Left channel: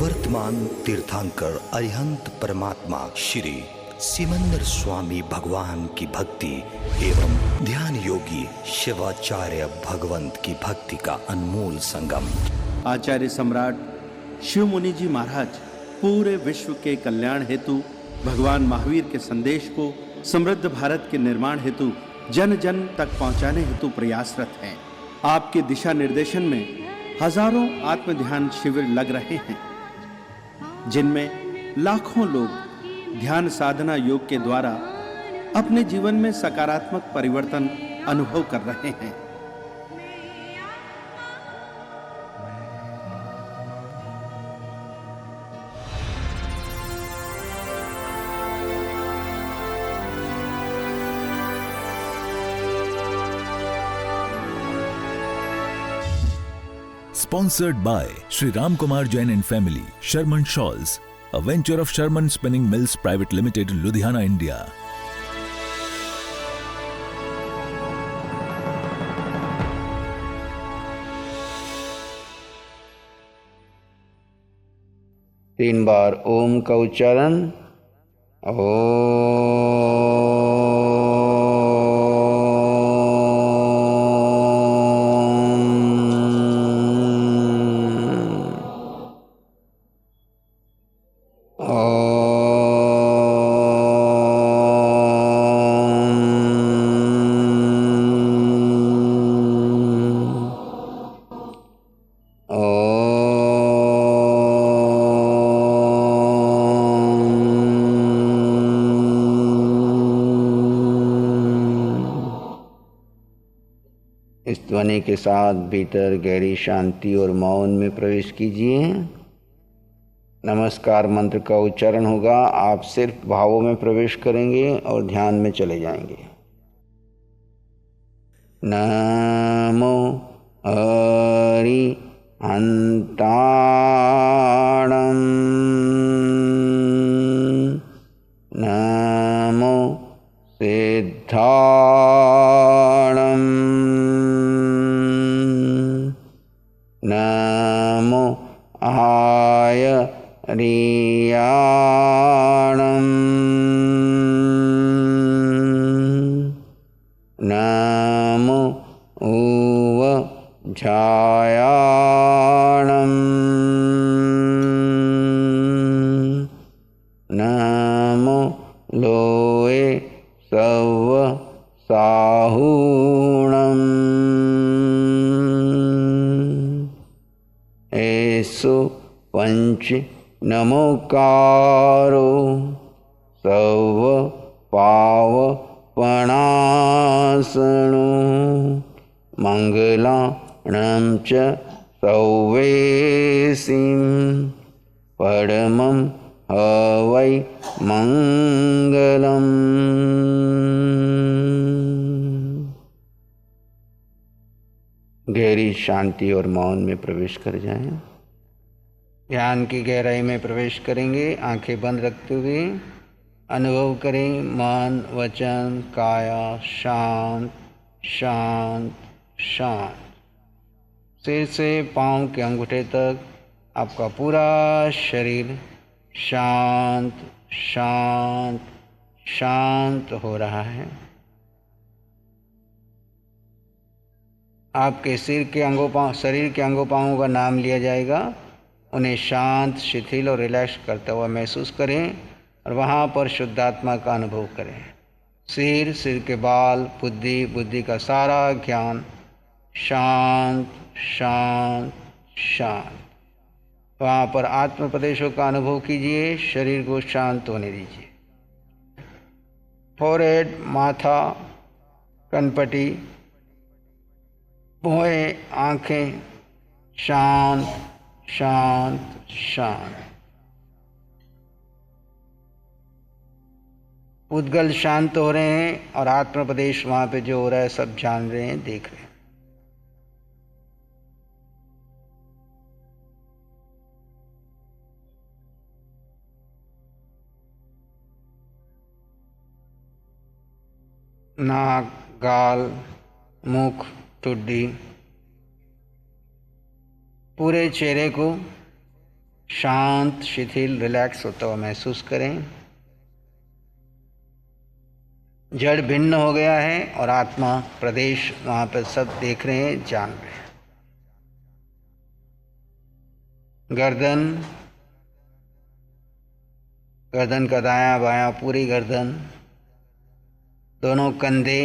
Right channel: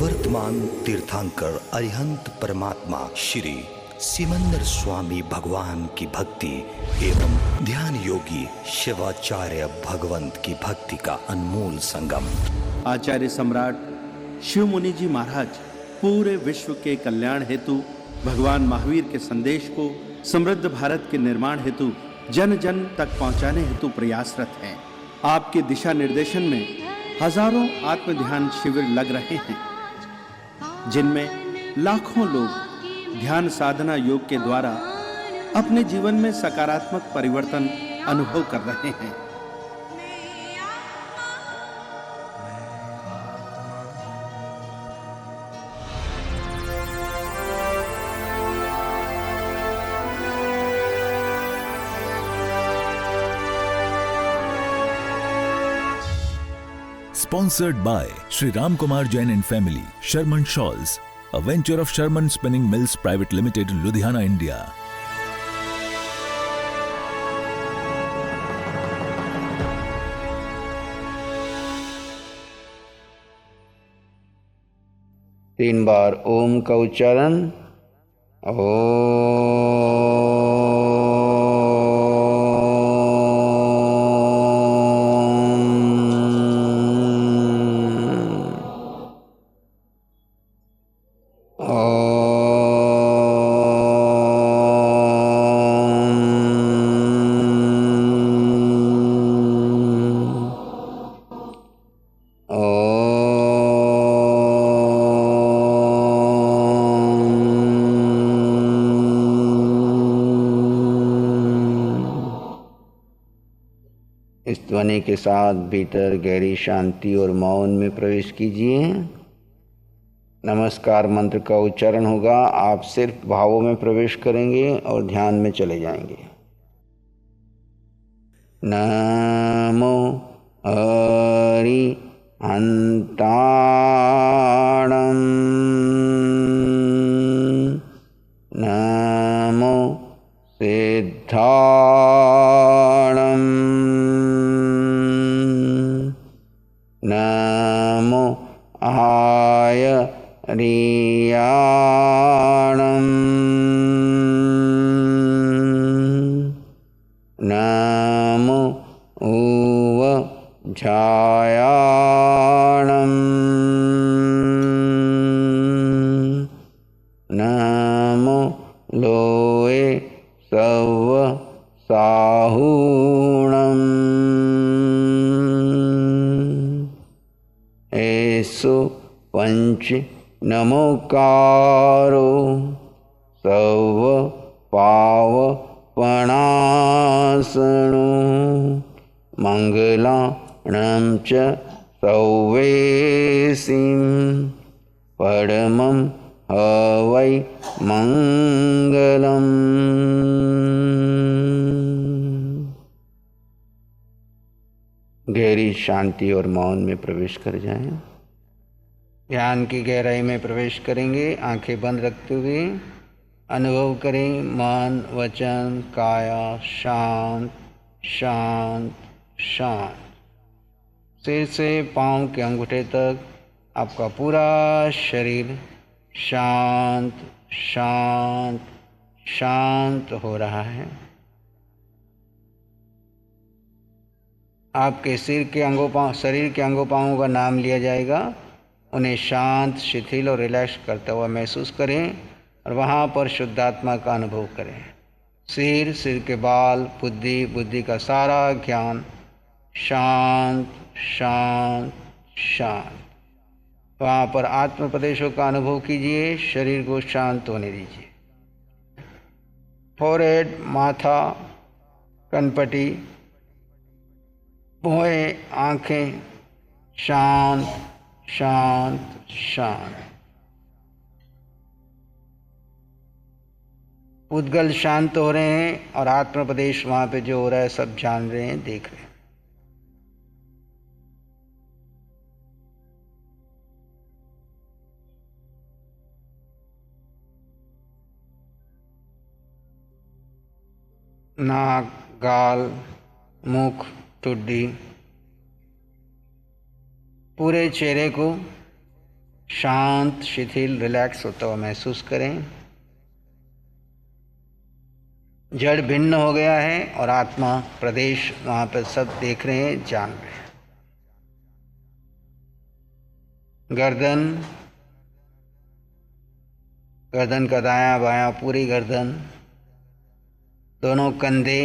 वर्तमान तीर्थंकर अरिहंत परमात्मा श्री सिमंदर स्वामी भगवान की भक्ति एवं ध्यान योगी शिवाचार्य भगवंत की भक्ति का अनमोल संगम। आचार्य सम्राट शिव मुनि जी महाराज पूरे विश्व के कल्याण हेतु, भगवान महावीर के संदेश को समृद्ध भारत के निर्माण हेतु जन जन तक पहुंचाने हेतु प्रयासरत हैं। आपके दिशा निर्देशन में हजारों आत्म ध्यान शिविर लग रहे हैं, जिनमें लाखों लोग ध्यान साधना योग के द्वारा अपने जीवन में सकारात्मक परिवर्तन अनुभव कर रहे हैं। Sponsored by Sri Ram Kumar Jain and Family, Sherman Shawls, a venture of Sherman Spinning Mills Private Limited, Ludhiana, India. तीन बार ओम का उच्चारण। इस ध्वनि के साथ भीतर गहरी शांति और मौन में प्रवेश कीजिए। नमस्कार मंत्र का उच्चारण होगा। आप सिर्फ भावों में प्रवेश करेंगे और ध्यान में चले जाएंगे। नमो हरि हंताणं, नमो सिद्धाणं, नमो आयर्याणं, नमो ऊवझायाणं, नमो लोये सव्वसाहूणं, एषु पंच नमोकारो सव्वपावपणासनो, मंगलाणं च सव्वेसिं, परमं हवै मंगलम्। गहरी शांति और मौन में प्रवेश कर जाएं। ध्यान की गहराई में प्रवेश करेंगे। आंखें बंद रखते हुए अनुभव करें, मन वचन काया शांत शांत शांत। सिर से पांव के अंगूठे तक आपका पूरा शरीर शांत शांत शांत हो रहा है। आपके शरीर के अंगों पांवों का नाम लिया जाएगा। उन्हें शांत, शिथिल और रिलैक्स करते हुए महसूस करें और वहाँ पर शुद्धात्मा का अनुभव करें। सिर के बाल, बुद्धि का सारा ज्ञान शांत शांत शांत। वहाँ पर आत्म प्रदेशों का अनुभव कीजिए। शरीर को शांत होने दीजिए। फोरहेड, माथा, कनपटी, भौहें, आंखें शांत शांत शांत। उद्गल शांत हो रहे हैं और आत्म प्रदेश वहाँ पे जो हो रहा है सब जान रहे हैं, देख रहे हैं। नाक, गाल, मुख, ठुड्डी, पूरे चेहरे को शांत, शिथिल, रिलैक्स होता हुआ महसूस करें। जड़ भिन्न हो गया है और आत्मा प्रदेश वहाँ पर सब देख रहे हैं, जान रहे हैं। गर्दन, गर्दन का दायां बायां, पूरी गर्दन, दोनों कंधे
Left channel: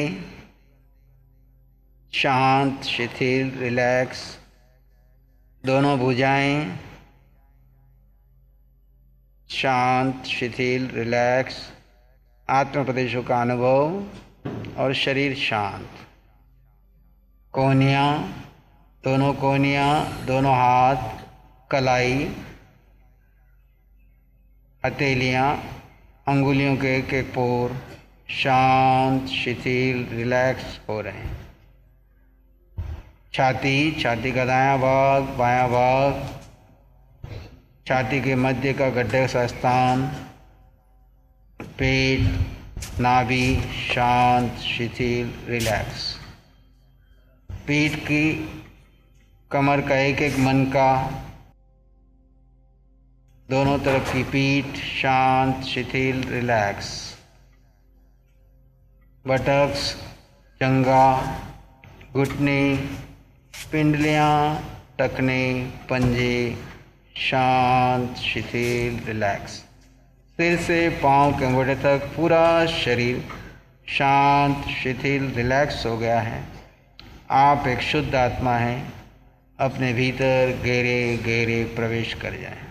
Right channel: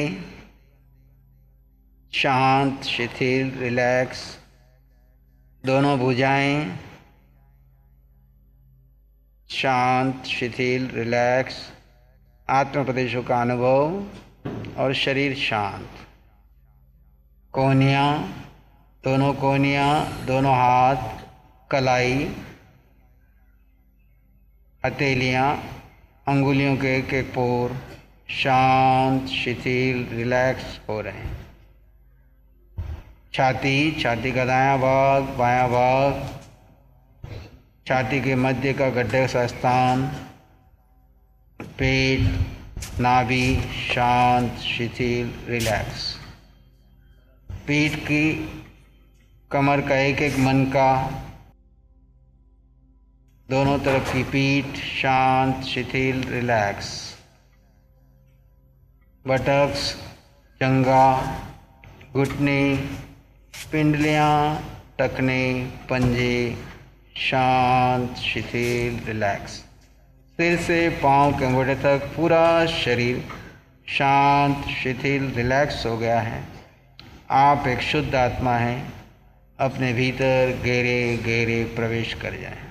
शांत, शिथिल, रिलैक्स, दोनों भुजाएं शांत, शिथिल, रिलैक्स, आत्म प्रदेशों का अनुभव और शरीर शांत। कोहनियाँ, दोनों कोहनियाँ, दोनों हाथ, कलाई, हथेलियाँ, अंगुलियों के एक एक पोर शांत, शिथिल, रिलैक्स हो रहे हैं। छाती, छाती का दायां भाग, बायां भाग, छाती के मध्य का गड्ढे सा स्थान, पेट, नाभि शांत, शिथिल, रिलैक्स। पीठ की, कमर का एक एक मनका, दोनों तरफ की पीठ शांत, शिथिल, रिलैक्स। बटक्स, जंघा, घुटने, पिंडलियाँ, टखने, पंजे शांत, शिथिल, रिलैक्स। सिर से पाँव के अंगूठे तक पूरा शरीर शांत, शिथिल, रिलैक्स हो गया है। आप एक शुद्ध आत्मा हैं। अपने भीतर गहरे गहरे प्रवेश कर जाएं।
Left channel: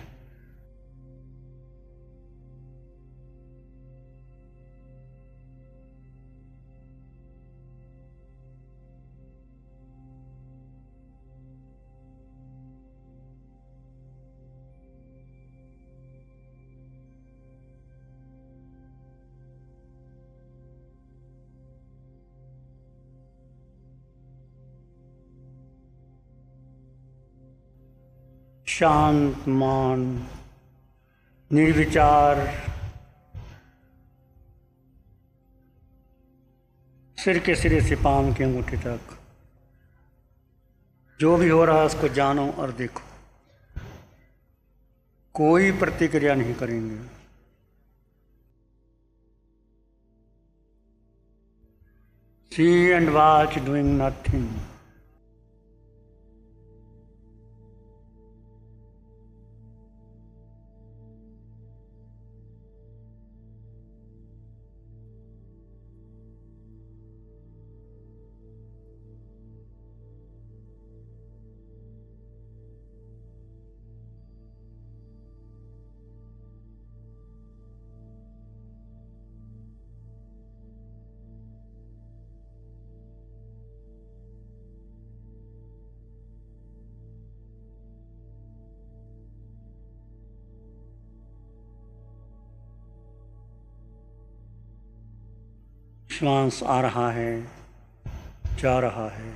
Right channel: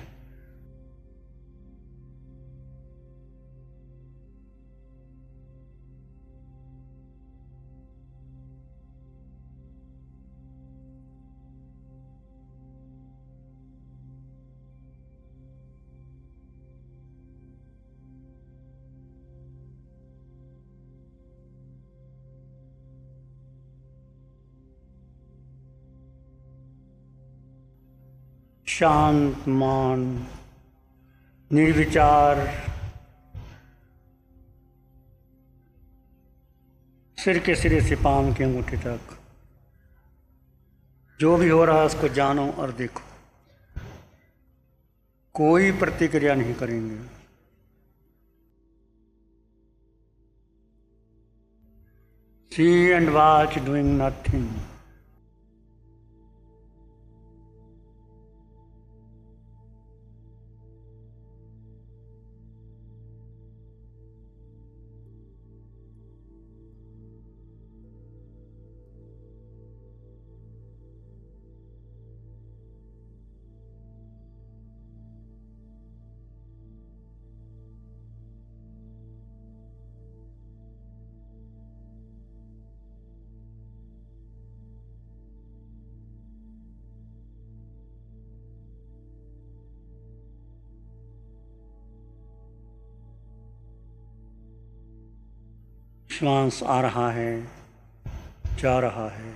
शांत मान, निर्विचार, सिर के सिरे से पाँव के अंगूठे तक जो भी हो रहा है उसको जानो और देखो। कोई प्रतिक्रिया नहीं करेंगे। सी एंड वॉच डूइंग नथिंग। श्वास आ रहा है, जा रहा है।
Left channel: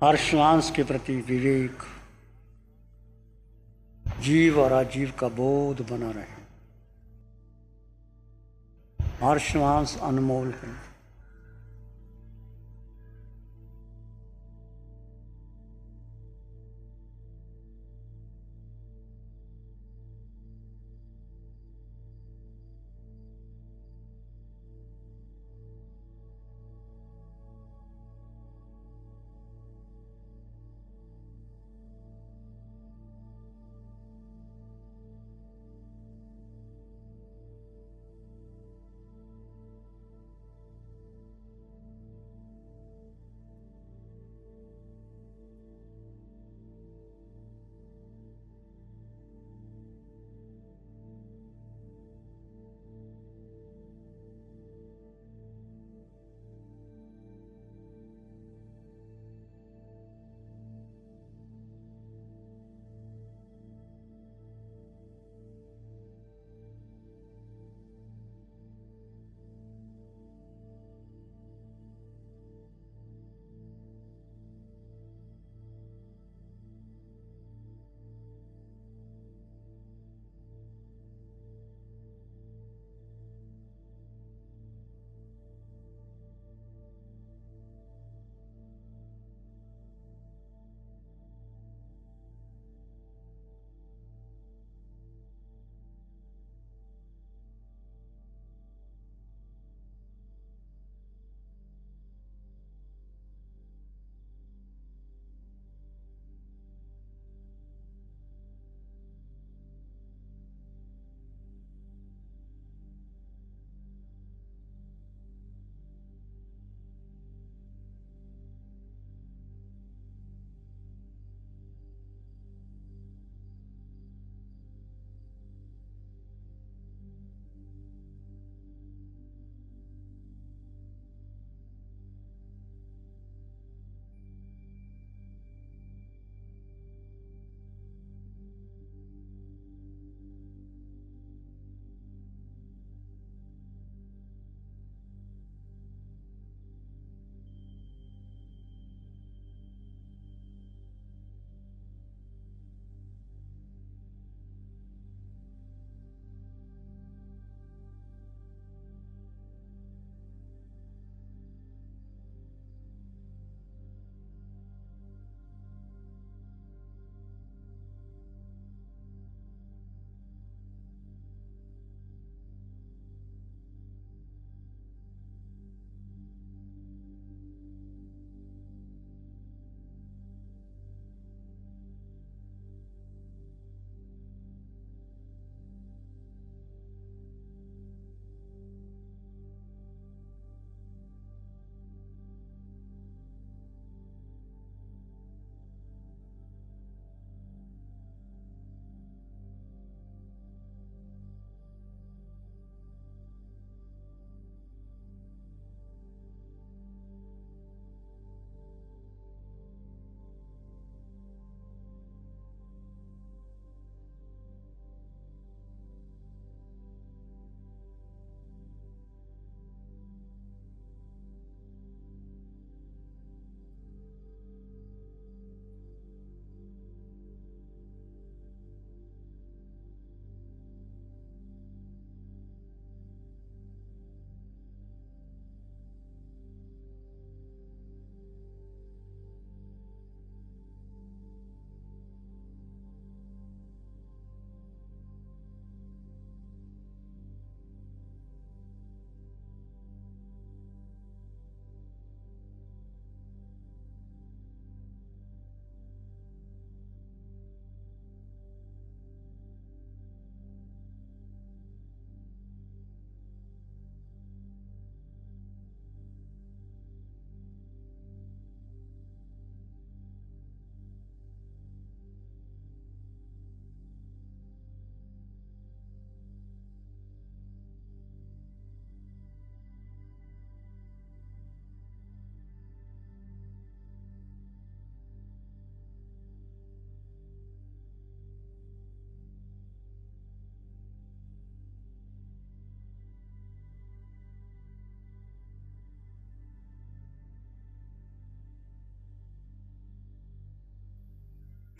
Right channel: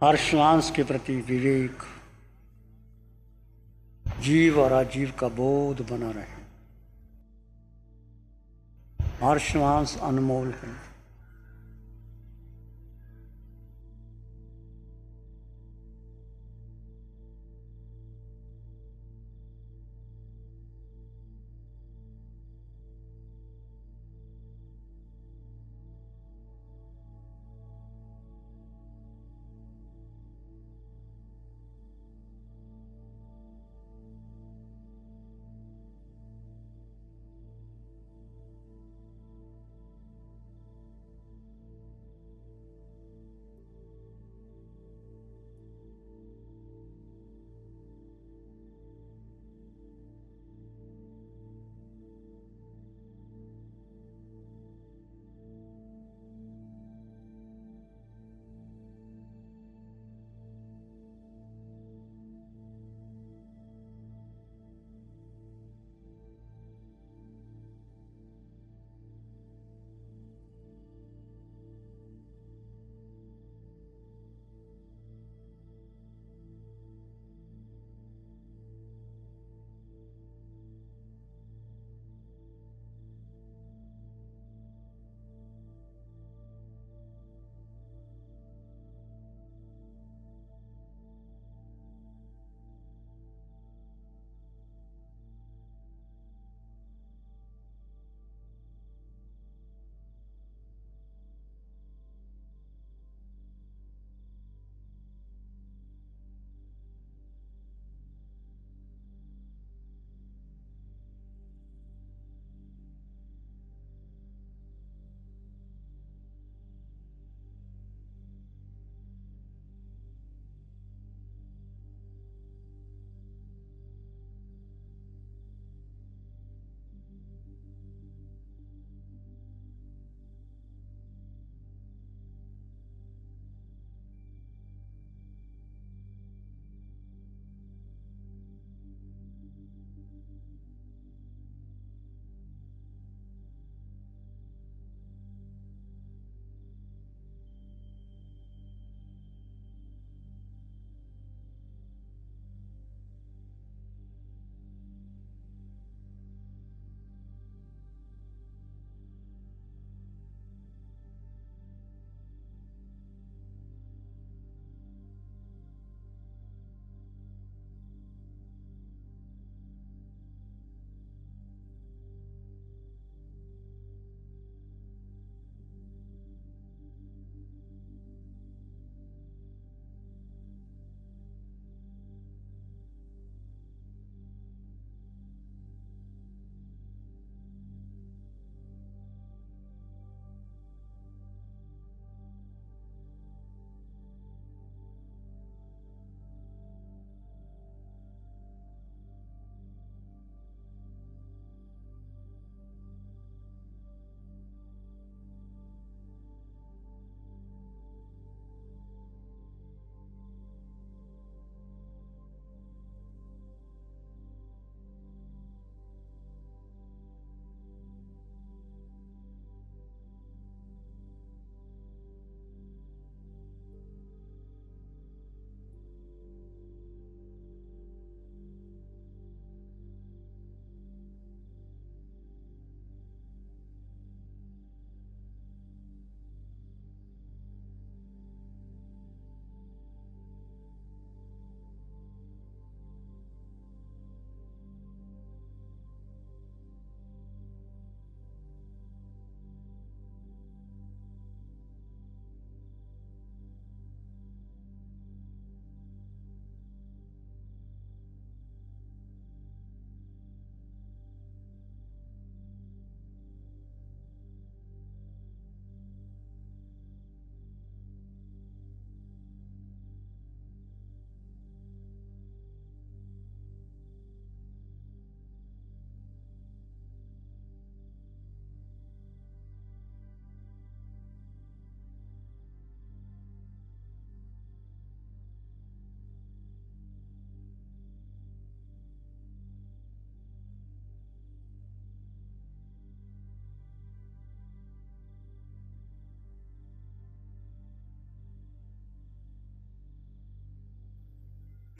हर श्वास के प्रति विवेक, जीव और अजीव का बोध बना रहे। हर श्वास अनमोल है।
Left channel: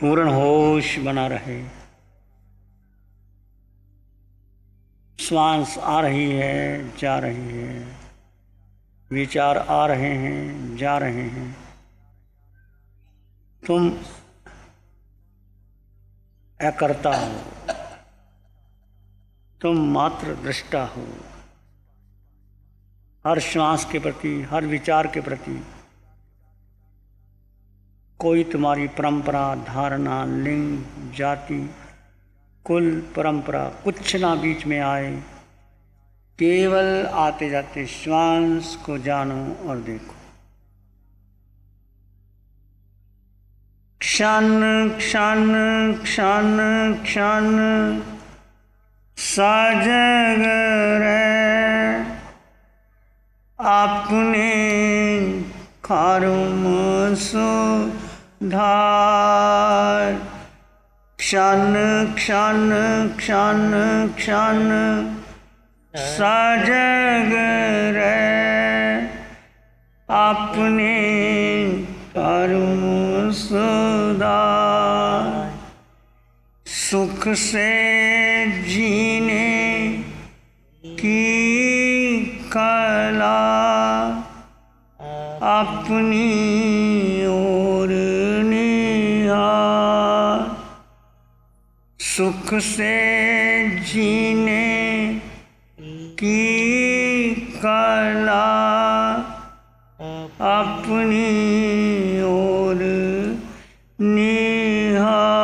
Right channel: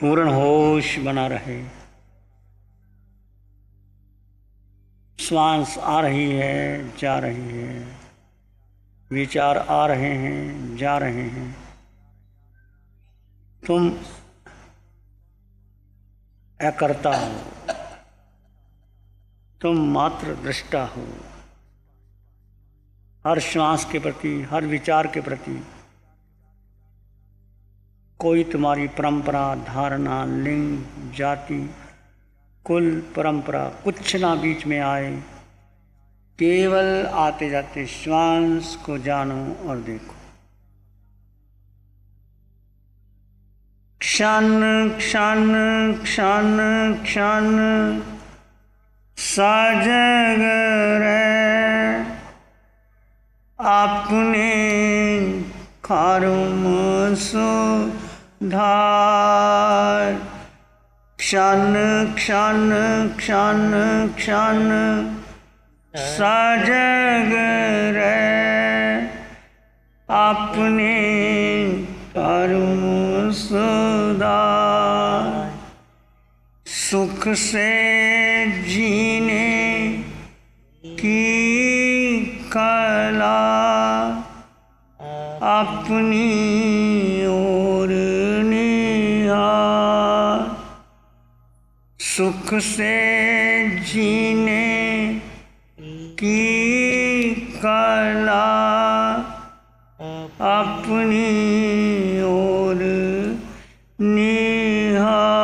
पूर्ण होश बना रहे। श्वास आ रही है, जा रही है, विचार आ रहे हैं, जा रहे हैं। तुम अकर्ता हो, तुम मात्र दृष्टा हो। हर श्वास के प्रति, हर विचार के प्रति कोई तुम्हारी परंपरा, धारणा, लिंग, जाति, कुल, परंपरा कुछ ना बीच में आए। केवल आते जाते श्वास को जानो और देखो। क्षण क्षण क्षण क्षण सजग रहे अपने कर्म सुधार। क्षण क्षण क्षण क्षण सजग रहे अपने कर्म सुधार। सुख से जीने की कला अपनी ओर निहार। सुख से जीने की कला अपनी ओर निहार।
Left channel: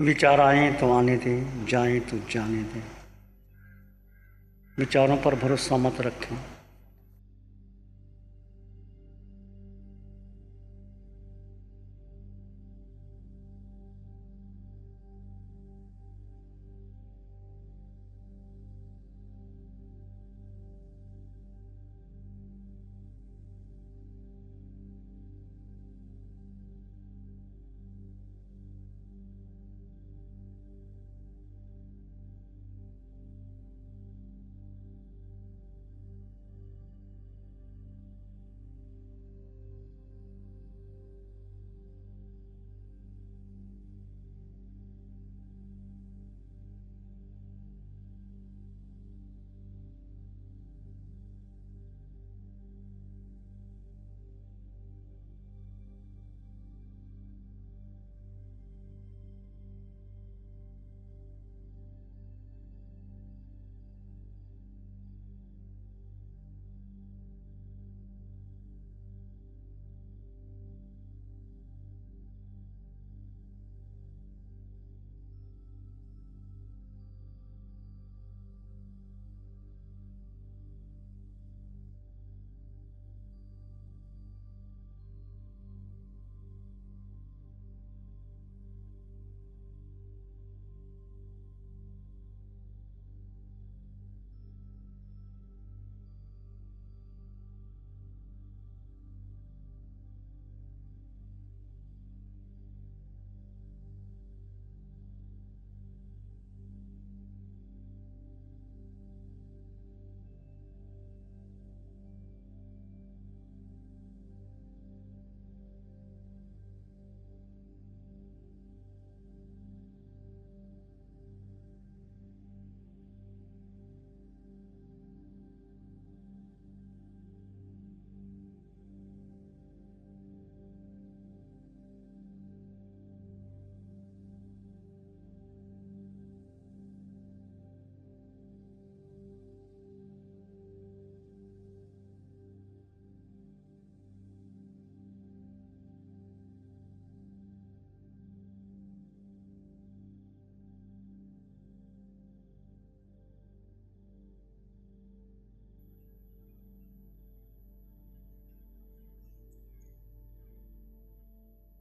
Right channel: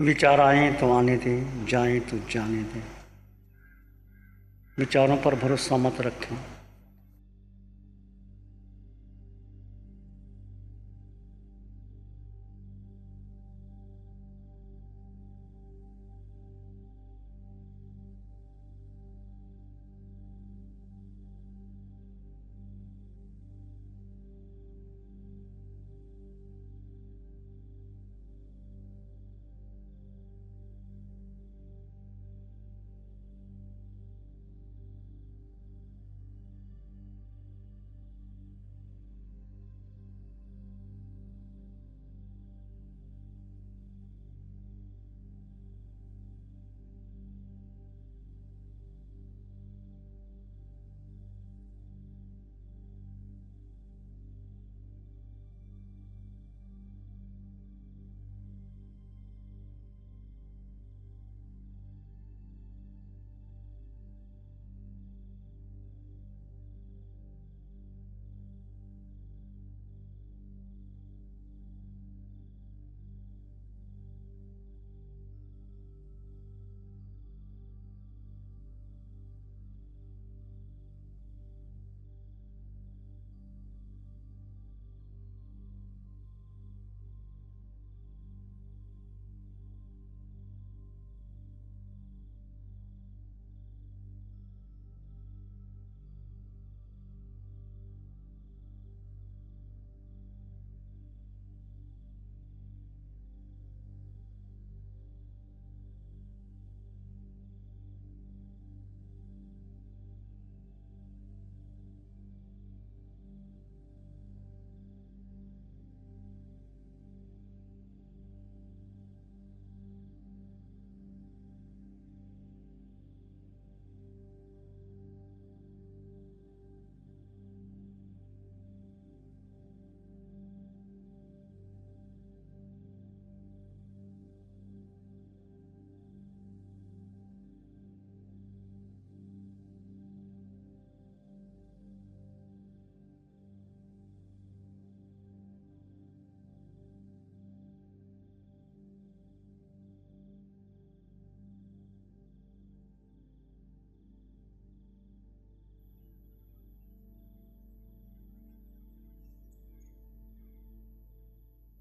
विचार आए तो आने दे, जाए तो जाने दे। विचारों पर भरोसा मत रखें।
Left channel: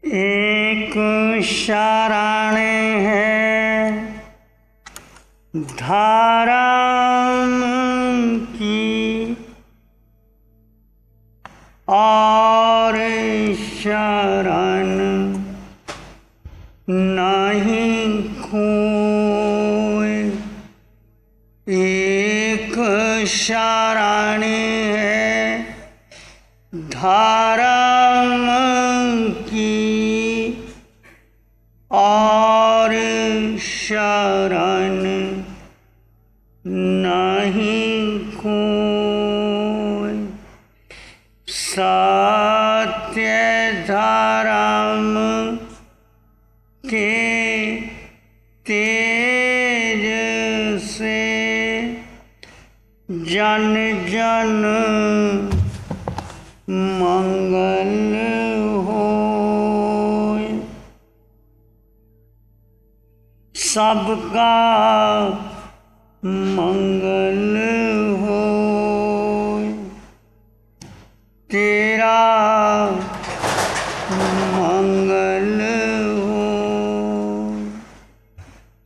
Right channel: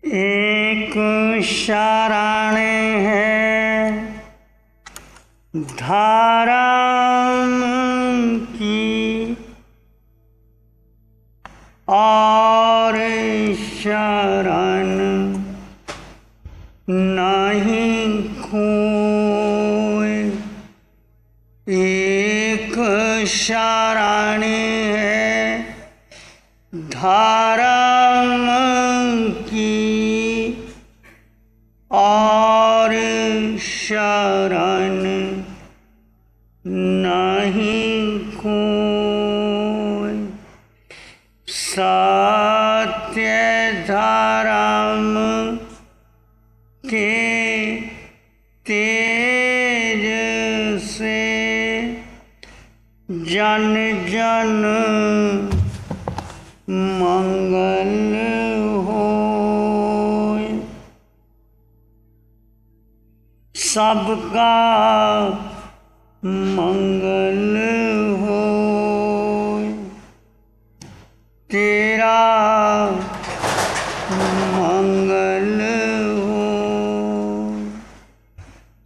एक शरण है धर्म की और शरण नहीं खोए। एक शरण है धर्म की और शरण नहीं खोए। सत्य धर्म के तेज से जन जन मंगल होए। सबका मंगल होए। तेरा मंगल हो।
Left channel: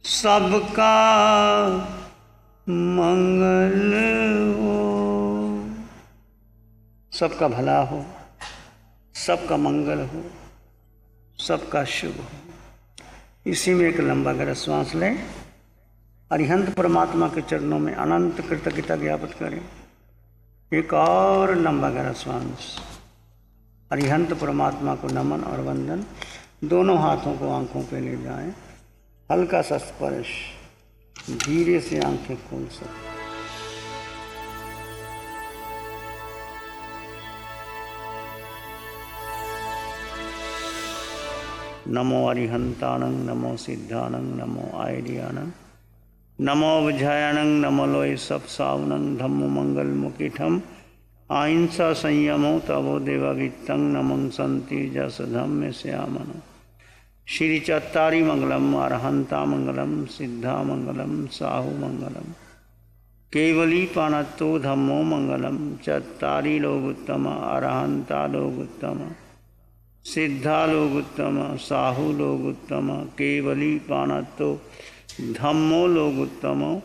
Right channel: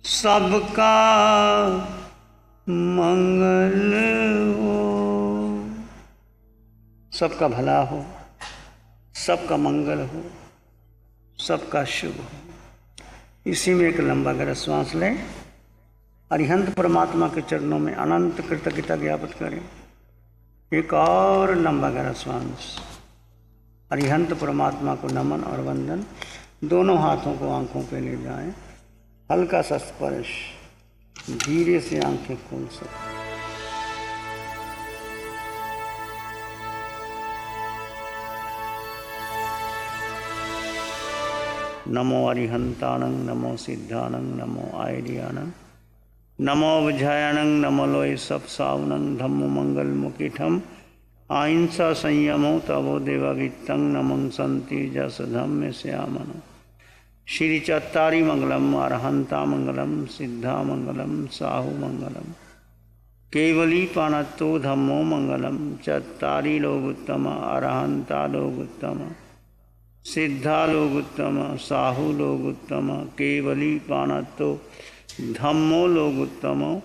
सबका मंगल हो। सबका भला हो, सबका मंगल हो, सबका शुभ हो। इसी में एक लंबा गहरा श्वास लें। अरिहंत परमात्मा के चरणों में अनंत कृतज्ञता ज्ञापित करें। एक और लंबा गहरा श्वास। अरिहंत परमात्मा को नमन और वंदन। दोनों हाथों को आंखों पे ले जाएं। हल्का सा स्पर्श। धीरे से आंखें खोल सकते। नमो अरिहंतानंग, नमो सिद्धानंग, नमो आयर्यानंग, नमो विजयानंग, नमो लोय सब सावनंग, धम्मो मंगल मुकिठम अहिंसा संयमो तवो देवागितंग, नमं संति जस धम्म श्यामनो श्री चत्तारी मंगलम, अरहंता मंगलम, सिद्धा मंगलम, साहू मंगलम, केवली पानत्तो धम्मो मंगलम। चत्तारी लोगुत्तम, अरहंता लोगुत्तम, सिद्धा लोगुत्तम, साहू लोगुत्तम, केवली पानत्तो धम्मो लोगुत्तम।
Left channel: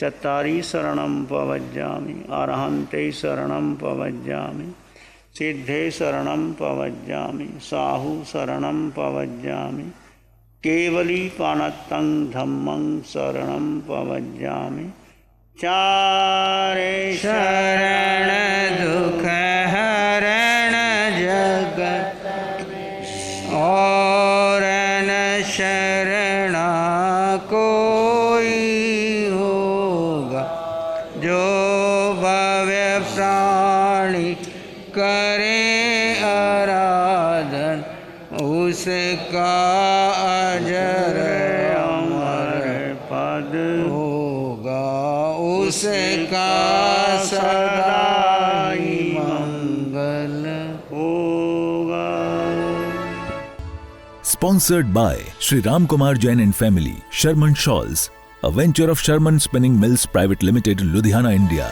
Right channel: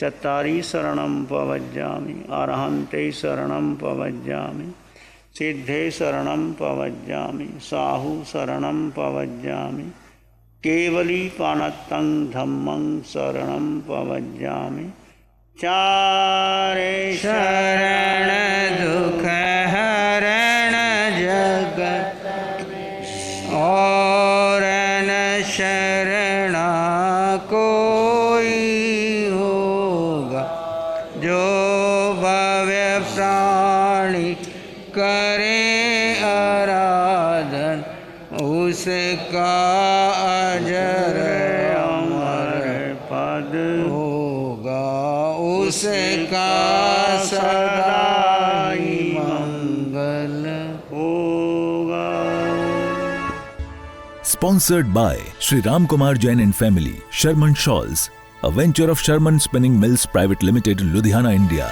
चत्तारी शरणं पवज्जामि, अरहन्ते शरणं पवज्जामि, सिद्धे शरणं पवज्जामि, साहू शरणं पवज्जामि, केवली पानत्तं धम्मं शरणं पवज्जामि। चारे शरण दुख हरण जगत और न शरणा कोई होगा। जो भव्य प्राणी करे आराधन, उसका अजर अमर पद होगा, उसका सदा ही मंगल होगा। Sponsored by Sri Ram Kumar Jain and Family, Sherman Shawls, a venture of Sherman Spinning Mills Private Limited, Ludhiana, India.